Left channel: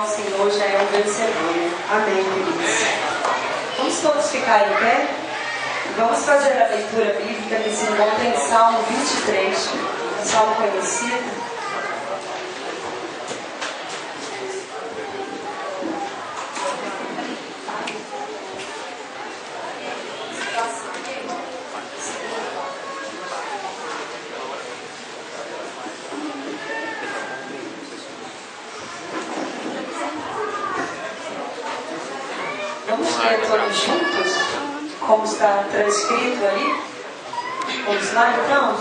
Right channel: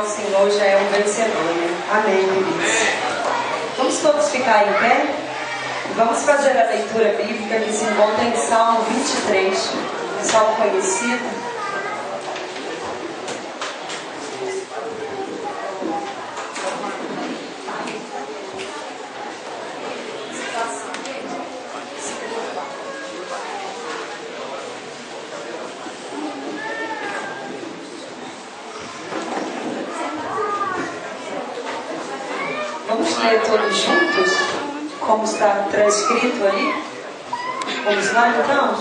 ao Senhor já é um vencedor, né? Amém, queridos. Vamos todos ficar em pé? Vamos fazer a leitura bíblica que se encontra em Salmo 23, um salmo conhecido. Vamos ler todos juntos, como está transcrito ali? Vamos lá então?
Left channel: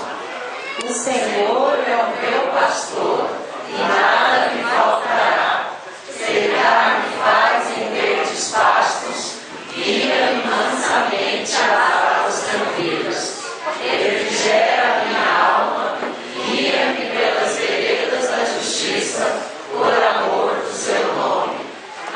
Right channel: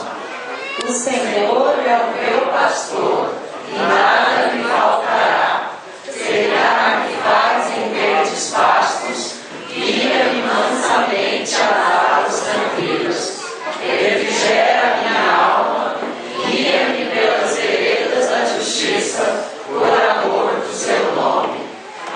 O Senhor é o meu pastor, e nada me faltará. Cegar-me faz em verdes pastos, guia-me mansamente a águas tranquilas. Refrigera minha alma, guia-me pelas veredas da justiça, por amor do seu nome.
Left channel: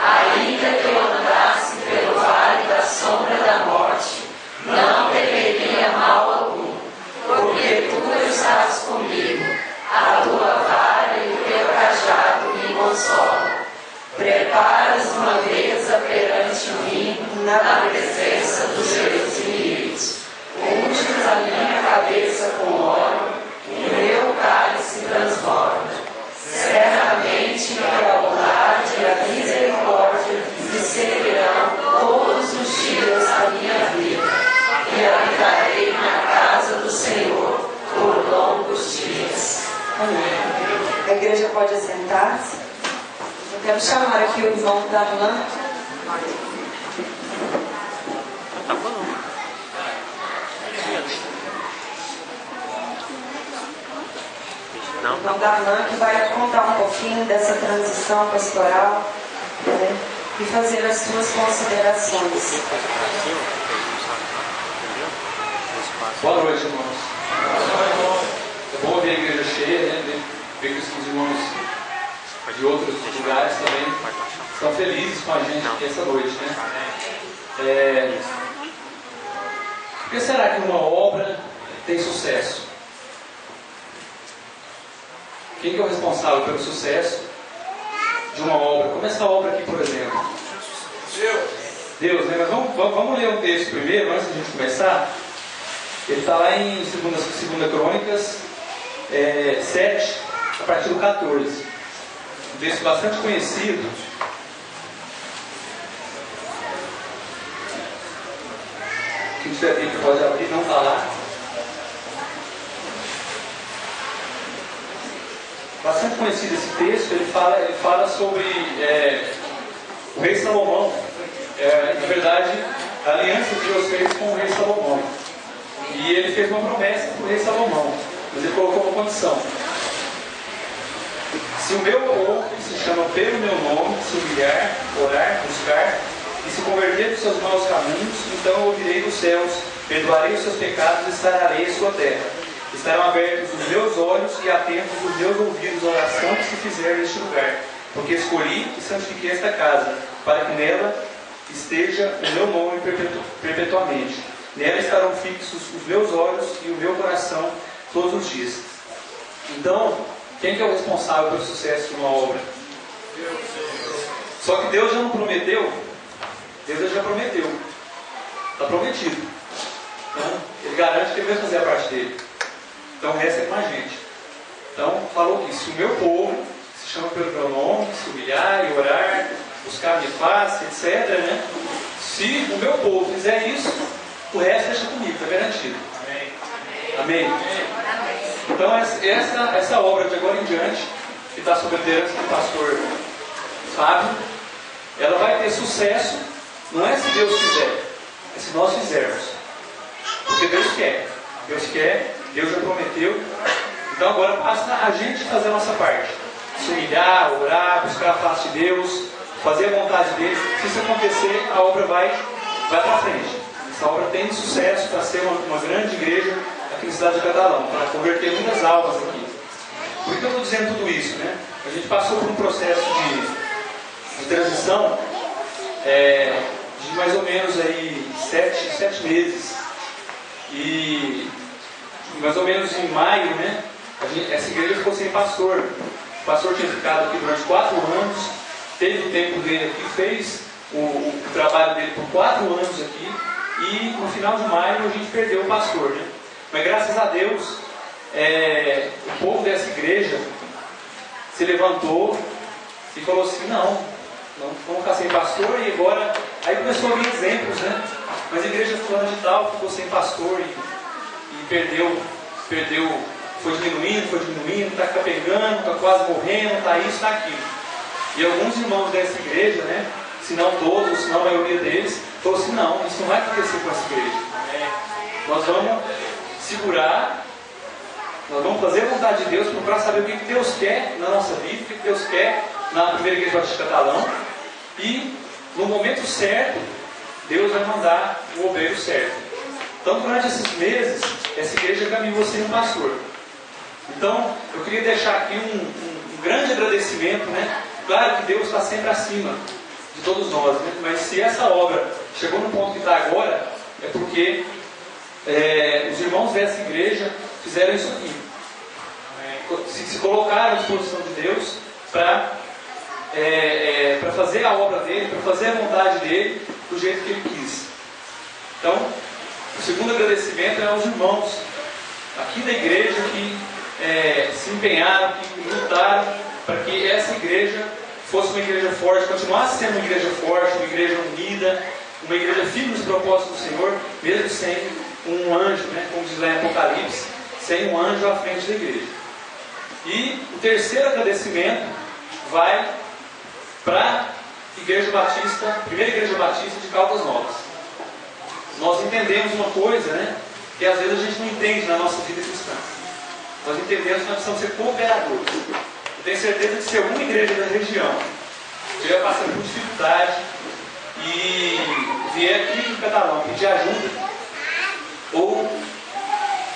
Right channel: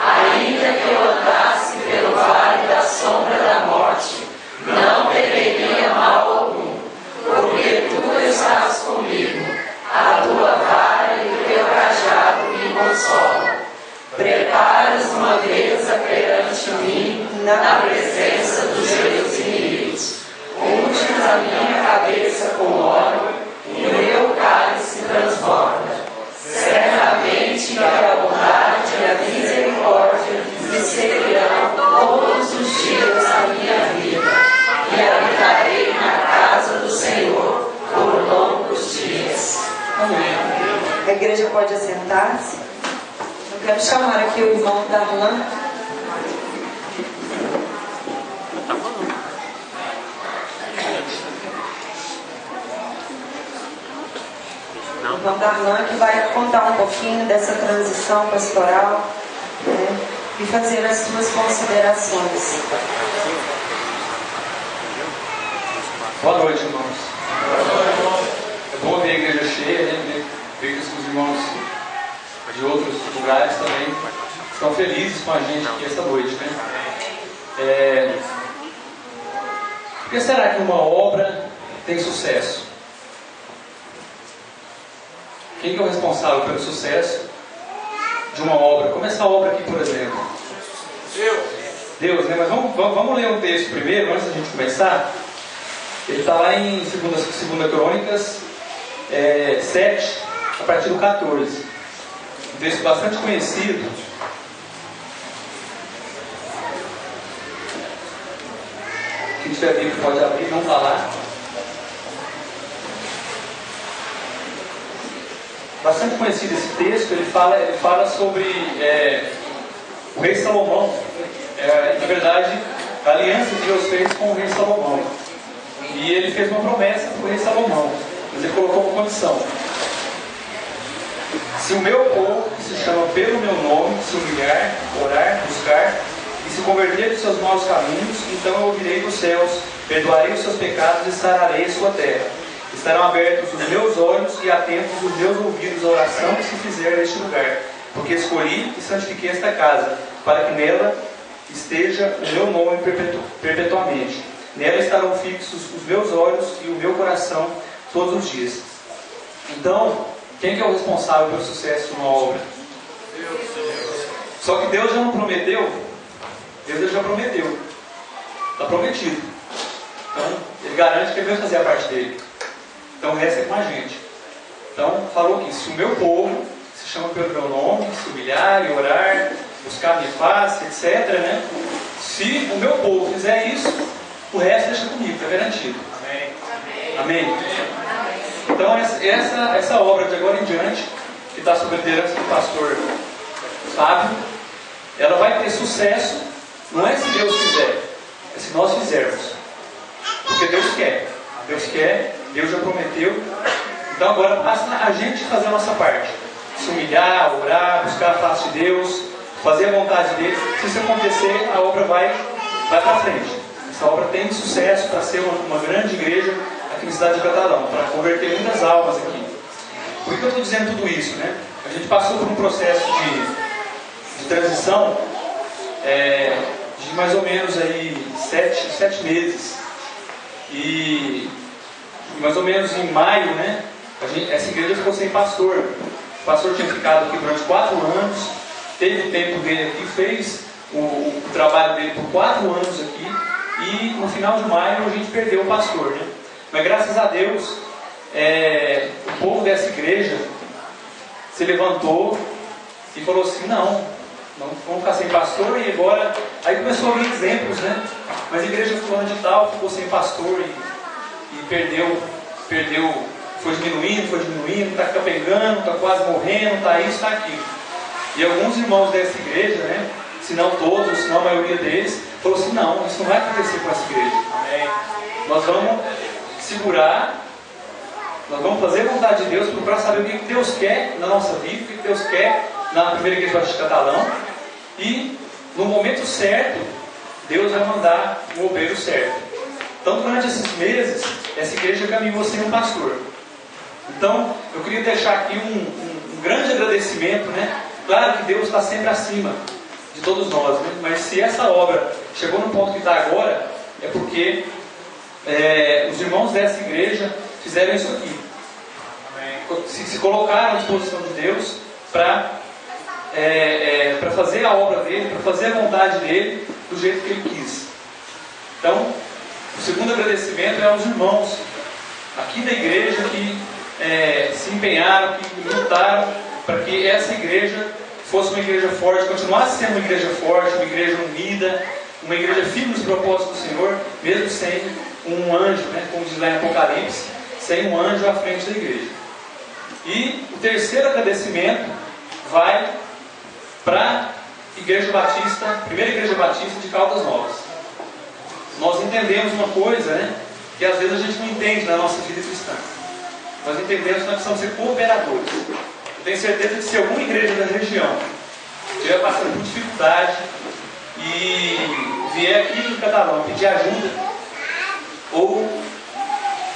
Ainda que eu andasse pelo vale da sombra da morte, não temeria mal algum, porque tu estás comigo, a tua vara e o teu cajado me consolam. Preparas uma mesa perante mim, na presença dos meus inimigos. Unges a minha cabeça com óleo, e o meu cálice transborda. Certamente que a bondade e a misericórdia me seguirão todos os dias da minha vida, e habitarei na casa do Senhor por longos dias. Amém. A igreja pode assentar-se. Eu quero chamar aqui o irmão Darlan. O irmão Darlan que vai contar um pouquinho dessa transição pastoral, né, e fazer as suas considerações. Boa noite, irmãos. É bom ver a igreja cheia, né? Ver que os irmãos de outros lugares também estão felizes com a gente aqui essa noite, né? Por que será que uma obra tem sucesso? Quem que é o responsável pelo sucesso de uma obra? Como essa obra aqui, por exemplo? Deus, né? Mas vamos ler um texto primeiro, antes da gente começar. Ele está lá em 2 Crônicas 7, a partir do 14. Um texto bastante conhecido. Quem tiver Bíblia pode abrir, não está lá. Bastante conhecido esse texto. Ele fala sobre o rei Salomão. Na verdade, a aliança que Deus fez com o rei Salomão. E ele fez uma promessa para o rei Salomão, mas ele colocou uma condição: se o meu povo, que se chama pelo meu nome, se humilhar, orar, buscar e se converter dos seus maus caminhos, então eu ouvirei dos céus, perdoarei os seus pecados e sararei a sua terra. Estarão abertos os meus olhos e atentos os meus ouvidos à oração que se fizer neste lugar, porque escolhi e santifiquei esta casa, para que nela esteja o meu nome perpetuamente. Nela estarão fixos os meus olhos e o meu coração todos os dias. Então, quem que é o responsável pelo sucesso de uma obra? Deus. Só que Deus já não prometeu? Deus já prometeu. Está prometido. Então, Ele garante que Ele vai fazer a parte dele. Então, resta com a gente. Então, falou que se o meu povo, que se chama pelo meu nome, se humilhar e orar, buscar a minha face, etc., né? Se o meu povo fizer isso, o resto deixa comigo, está garantido. Amém. Amém. Então essa obra de agora em diante, que está sob a liderança do pastor Fábio, ela vai ter sucesso, não é se Deus quiser, é se nós fizermos. Porque Deus quer, Deus já prometeu. Então agora basta a gente fazer a nossa parte. Se humilhar, orar, buscar a face de Deus, fazer a vontade dele. Se isso acontecer, a obra vai para frente. Essa obra tem sucesso para ser uma grande igreja aqui na cidade de Catalão, para converter muitas almas aqui. Por que eu estou dizendo tudo isso, né? A gente passou por um processo de transição de mais ou menos aí 7 meses. E mais ou menos em maio, essa igreja ficou sem pastor. O pastor tinha ficado aqui durante 4 anos. teve o tempo dele aqui, fez o trabalho dele por 4 anos aqui, e no final de maio a gente perdeu o pastor, né? Mas graças a Deus, o povo dessa igreja se levantou e falou assim: não vamos ficar sem pastor. E agora, aí começou a vir exemplos, né? Mas a igreja fulana de tal ficou sem pastor e perdeu, foi diminuindo, está capengando, está quase morrendo, está isso, está aquilo. E alguns irmãos dessa igreja, né, se não todos, se não a maioria deles, falou assim: não, isso não vai acontecer com essa igreja. Nós vamos segurar, nós vamos fazer a vontade de Deus, procurar saber o que Deus quer na nossa vida, o que Deus quer na primeira igreja batista Catalão, e no momento certo Deus vai mandar o obreiro certo. Então, durante esses meses, essa igreja caminhou sem um pastor. Então, eu queria deixar aqui um grande agradecimento, né? Claro que Deus está sempre acima de todos nós, né? Mas se essa obra chegou no ponto que está agora, é porque os irmãos dessa igreja fizeram isso aqui. Se colocaram à disposição de Deus para fazer a obra dele, para fazer a vontade dele do jeito que ele quis. Então, o segundo agradecimento é aos irmãos aqui da igreja que se empenharam, que lutaram para que essa igreja fosse uma igreja forte, continuasse sendo uma igreja forte, uma igreja unida, uma igreja firme nos propósitos do Senhor, mesmo sem um anjo, né, como diz lá em Apocalipse, sem um anjo à frente da igreja. E o terceiro agradecimento vai para a Igreja Batista, Primeira Igreja Batista de Caldas Novas. Nós entendemos uma coisa, né, que às vezes a gente não entende na nossa vida cristã. Nós entendemos que nós precisamos ser cooperadores. Eu tenho certeza que se alguma igreja da região estiver passando por dificuldade e vier aqui no Catalão pedir ajuda, ou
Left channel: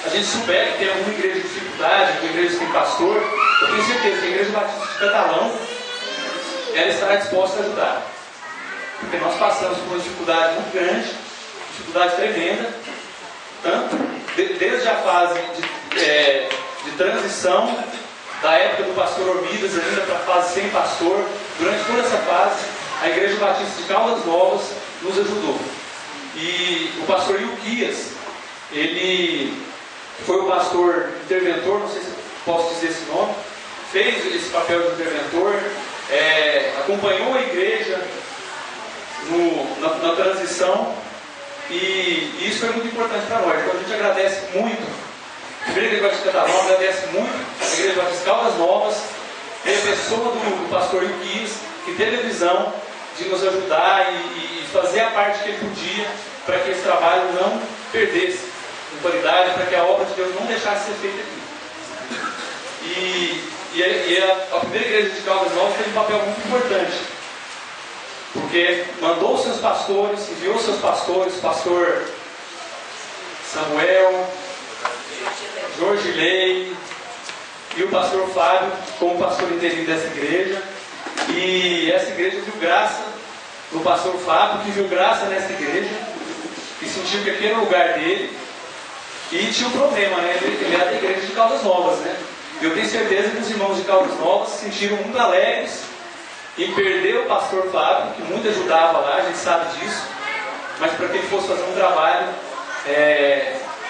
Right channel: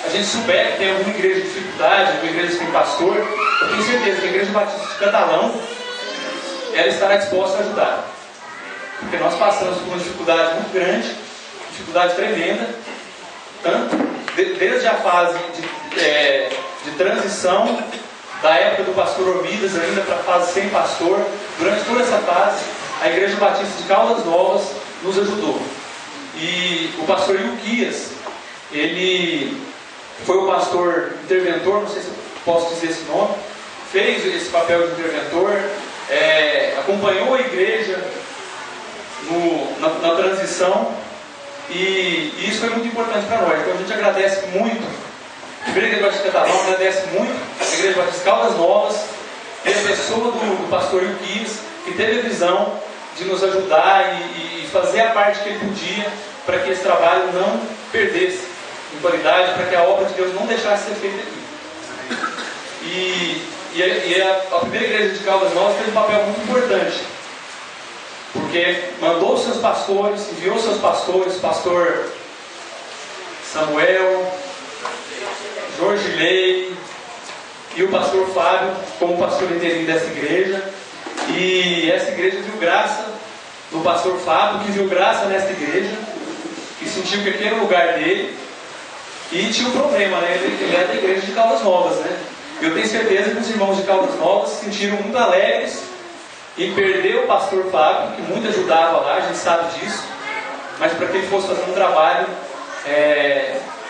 a gente souber que tem alguma igreja de dificuldade, alguma igreja que tem pastor, eu tenho certeza que a Igreja Batista de Catalão, ela estará disposta a ajudar. Porque nós passamos por uma dificuldade muito grande, dificuldade tremenda, tanto desde a fase de transição da época do pastor Ormidas ainda para a fase sem pastor. Durante toda essa fase, a Igreja Batista de Caldas Novas nos ajudou. E o pastor Ilquias, ele foi o pastor interventor, não sei se eu posso dizer esse nome, fez esse papel de interventor, acompanhou a igreja na transição, e isso foi muito importante para nós. Então a gente agradece muito a Igreja Batista Catalão, agradece muito a Igreja Batista Caldas Novas e a pessoa do pastor Ilquias, que teve a visão de nos ajudar e fazer a parte que ele podia para que esse trabalho não perdesse em qualidade, para que a obra de Deus não deixasse de ser feita aqui. E a primeira igreja de Caldas Novas teve um papel muito importante, porque mandou seus pastores, enviou seus pastores, pastor Samuel, Jorge Lei e o pastor Fábio como pastor interino dessa igreja. E essa igreja viu graça no pastor Fábio, que viu graça nessa igreja e sentiu que aquele era o lugar dele. E tinha um problema, né? Ele era da igreja de Caldas Novas, né? Eu tenho certeza que os irmãos de Caldas Novas se sentiram muito alegres em perder o pastor Fábio, que muito ajudava lá, a gente sabe disso, mas para que ele fosse fazer um trabalho,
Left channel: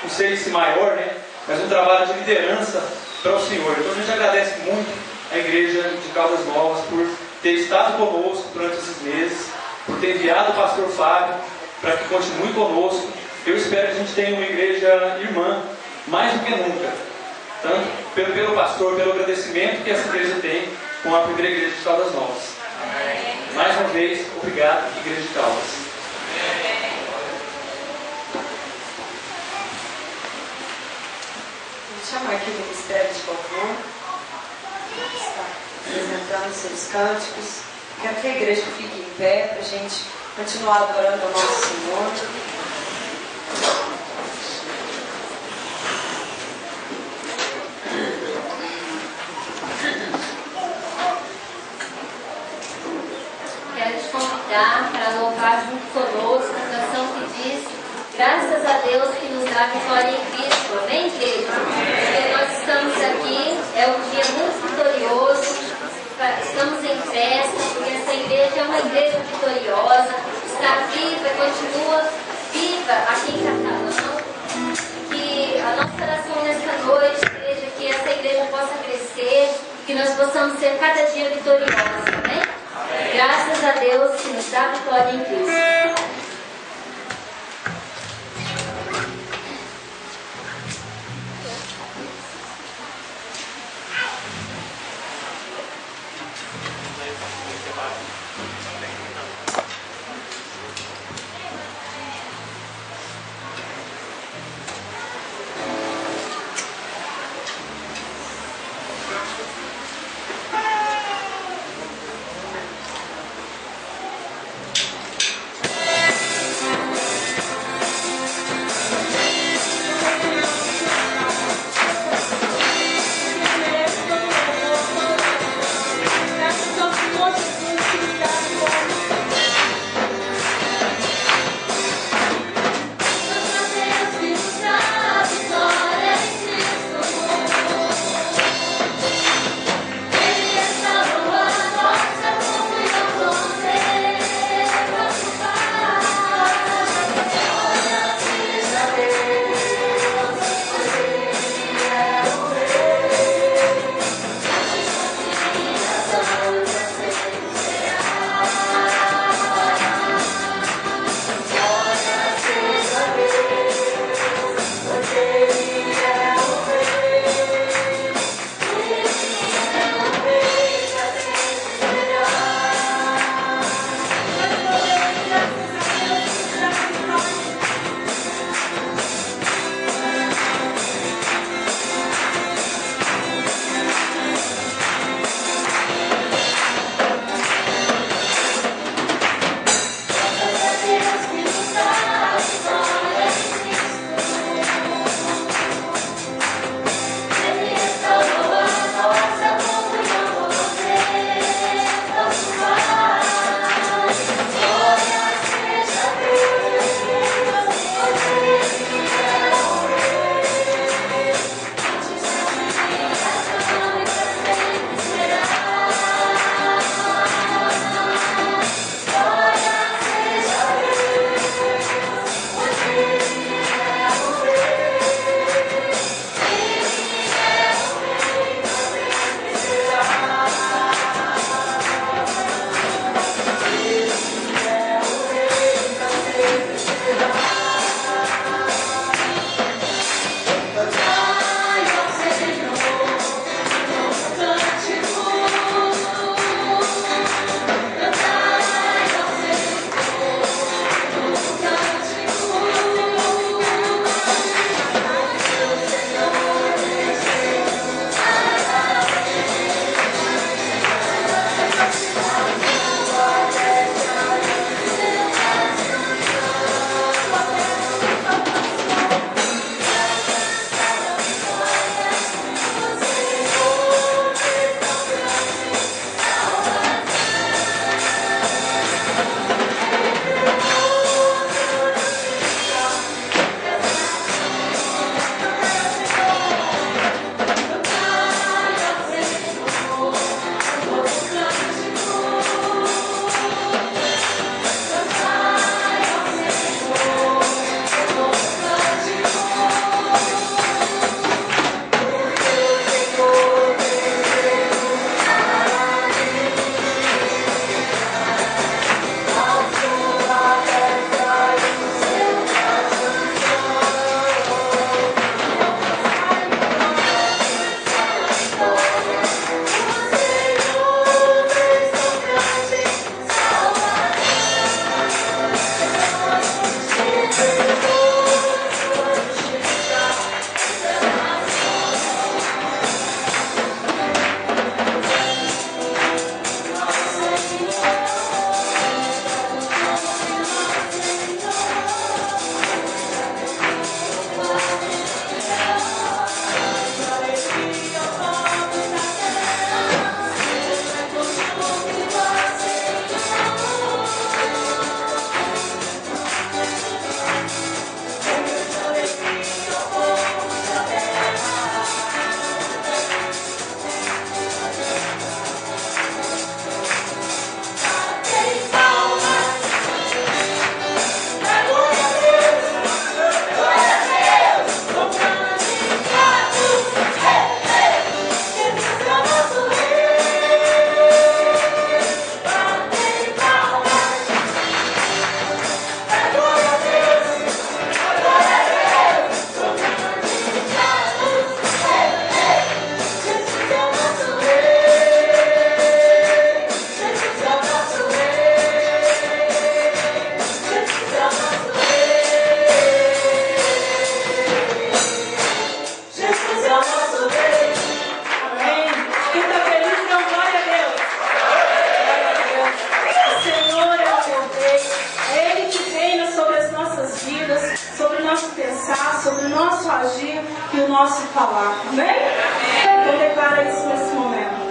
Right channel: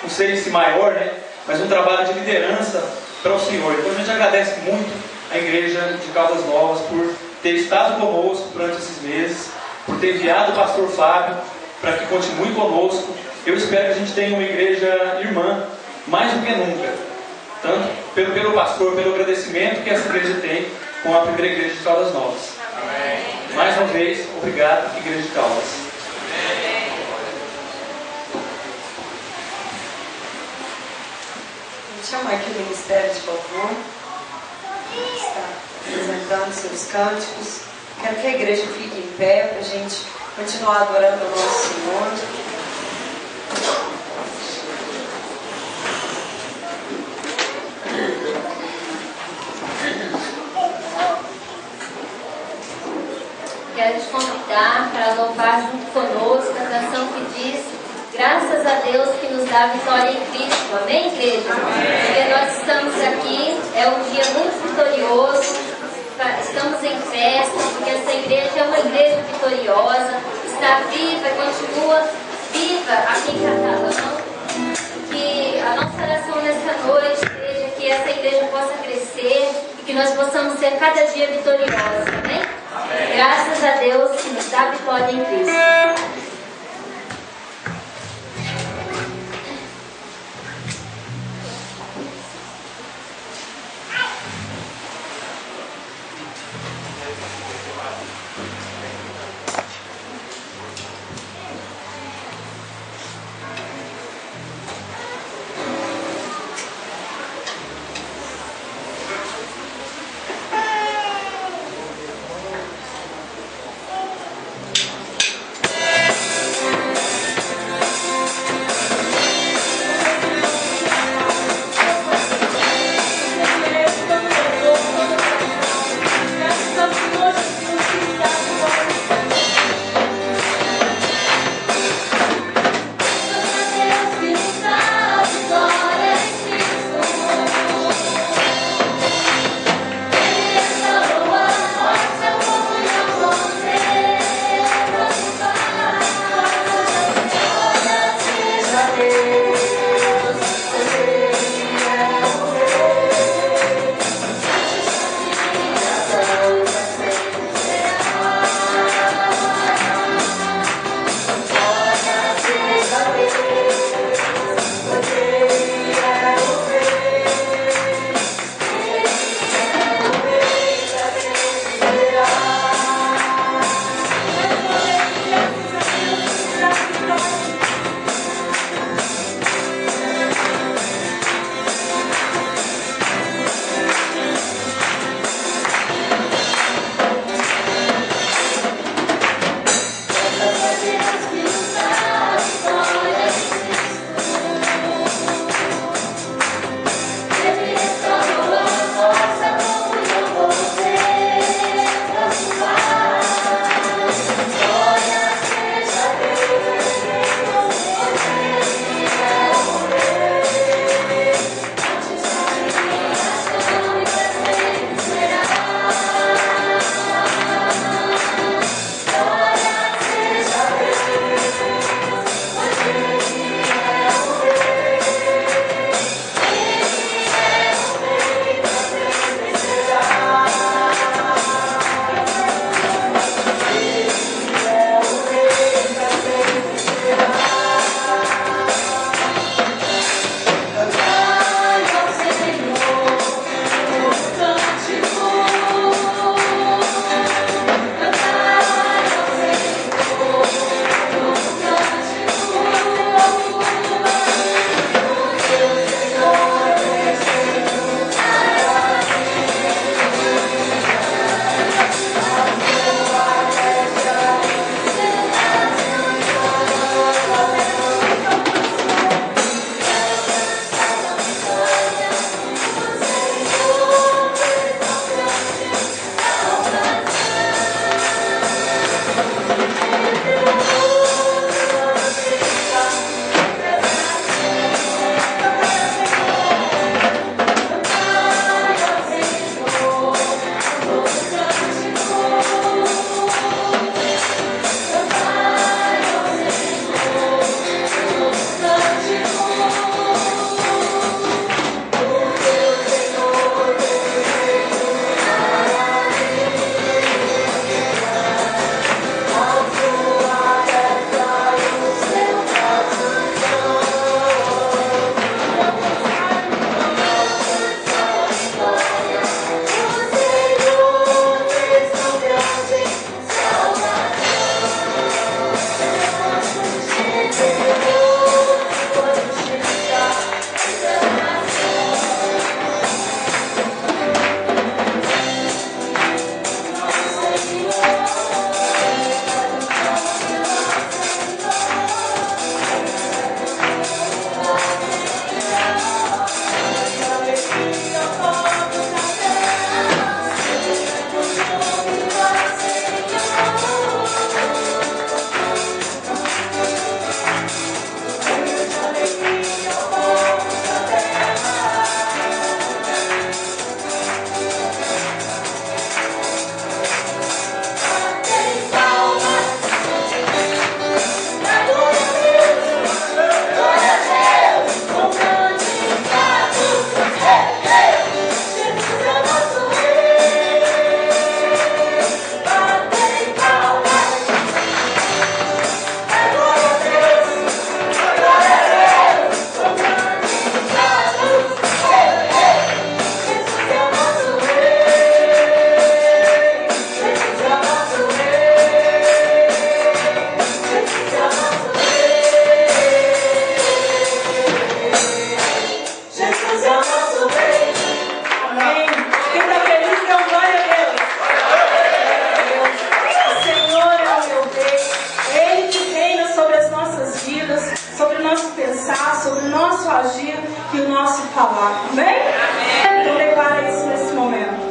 não sei se maior, né? Mas um trabalho de liderança para o Senhor. Então a gente agradece muito a igreja de Caldas Novas por ter estado conosco durante esses meses, por ter enviado o pastor Fábio para que continue conosco. Eu espero que a gente tenha uma igreja irmã, mais do que nunca, tanto pelo pastor, pelo agradecimento que essa igreja tem com a primeira igreja de Caldas Novas. Amém. Mais uma vez, obrigado, Igreja de Caldas. Amém. Vamos chamar aqui o Ministério de Louvor, está apresentando seus cânticos. Quero que a igreja fique em pé para a gente continuar adorando o nosso Senhor. Quero te convidar para louvar junto conosco a canção que diz: graças a Deus que nos dá vitória em Cristo. Amém, igreja? Porque nós estamos aqui, é um dia muito vitorioso, para estamos em festa, porque essa igreja é uma igreja vitoriosa, está viva, continua viva aqui em Catalão. Que a nossa oração nesta noite seja que essa igreja possa crescer e que nós possamos ser cada dia vitoriosos, amém? Amém. Graças a Deus que nos dá vitória em Cristo. sobre o nosso pensar, sobre o nosso agir e o nosso falar. Amém? Então declara isso nesse momento.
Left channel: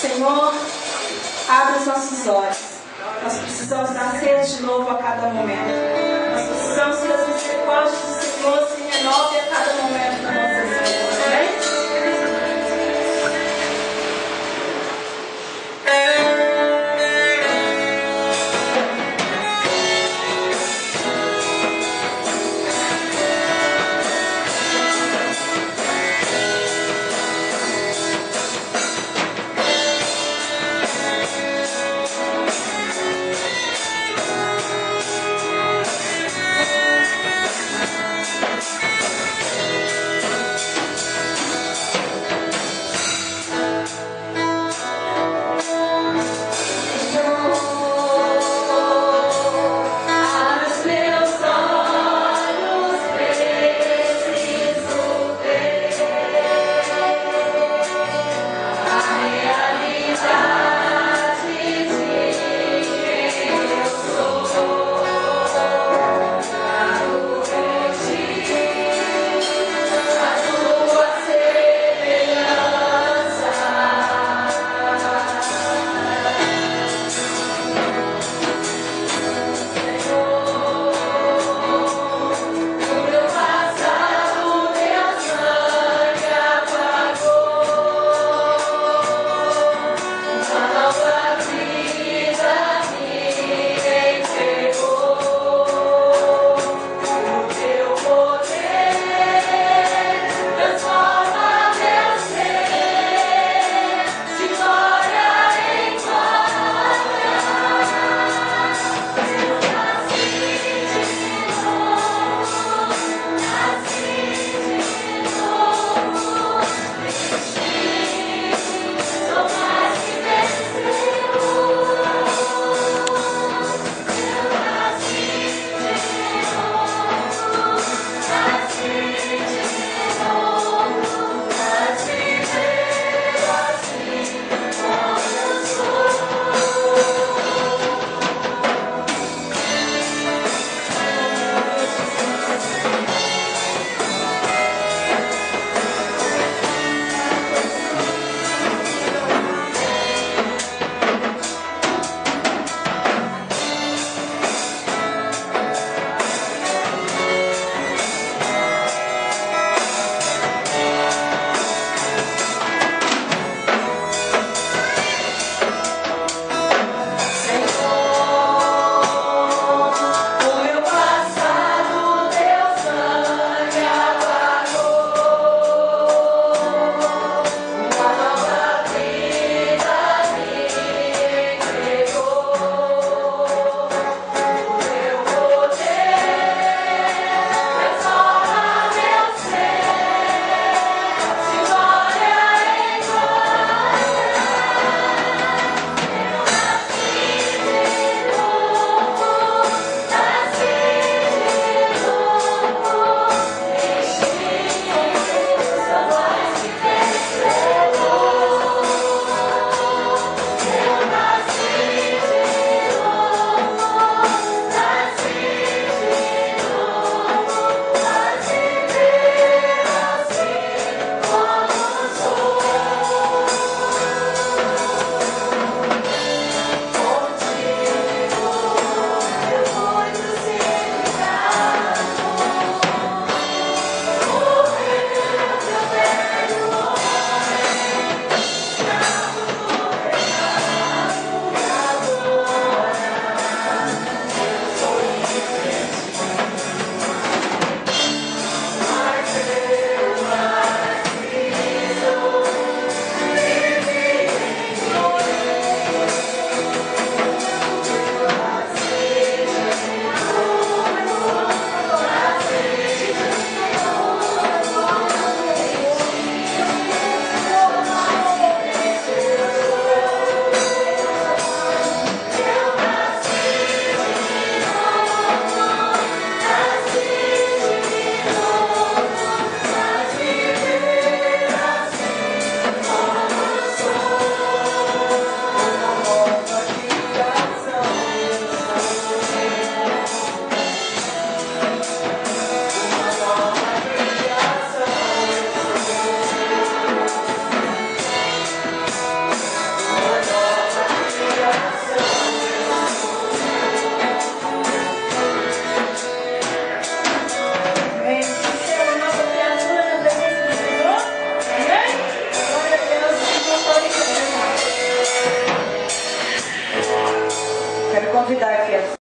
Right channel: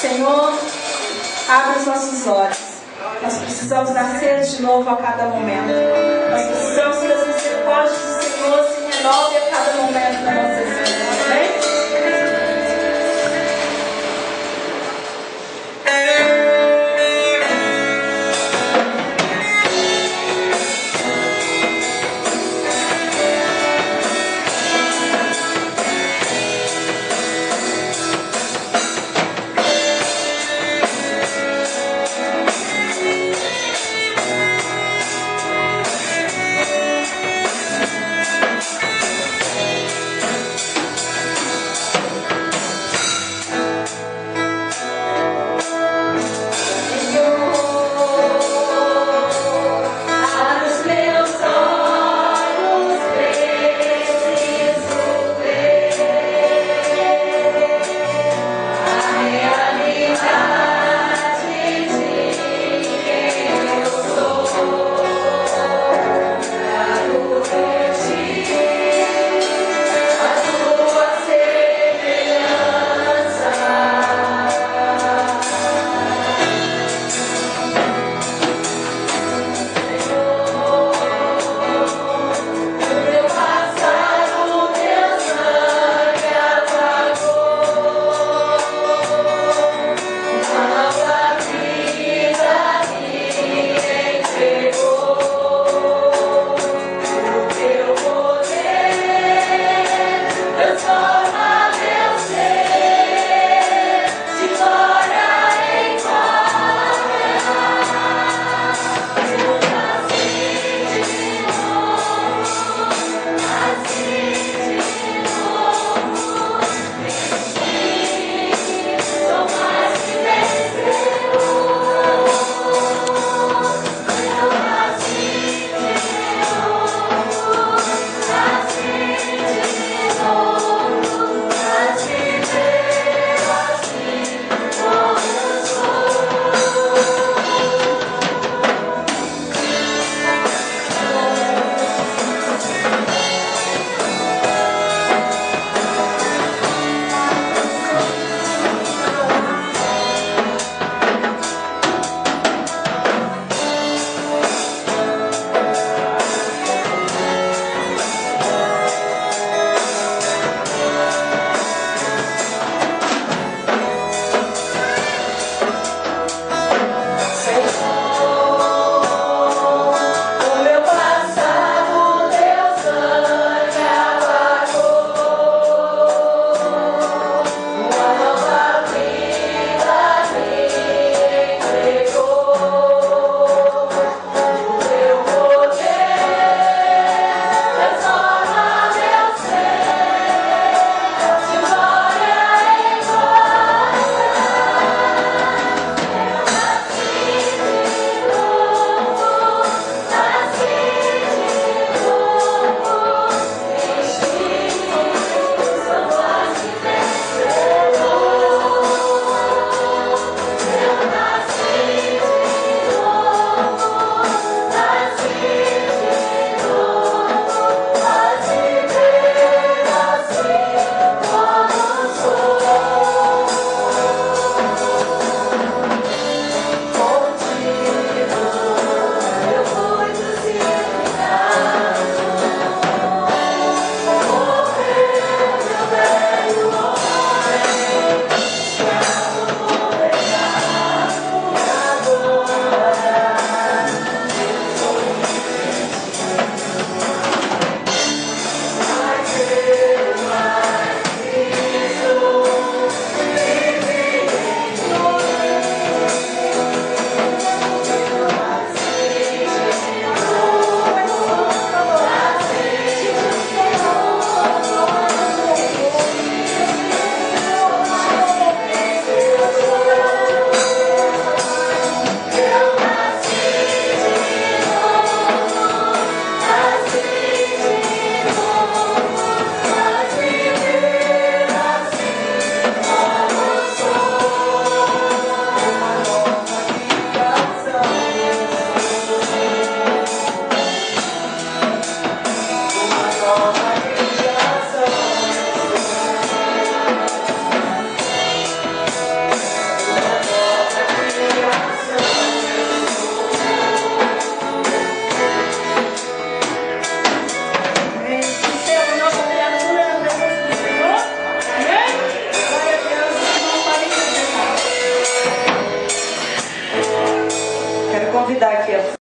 Senhor, abre os nossos olhos. Nós precisamos nascer de novo a cada momento. Nós precisamos transmitir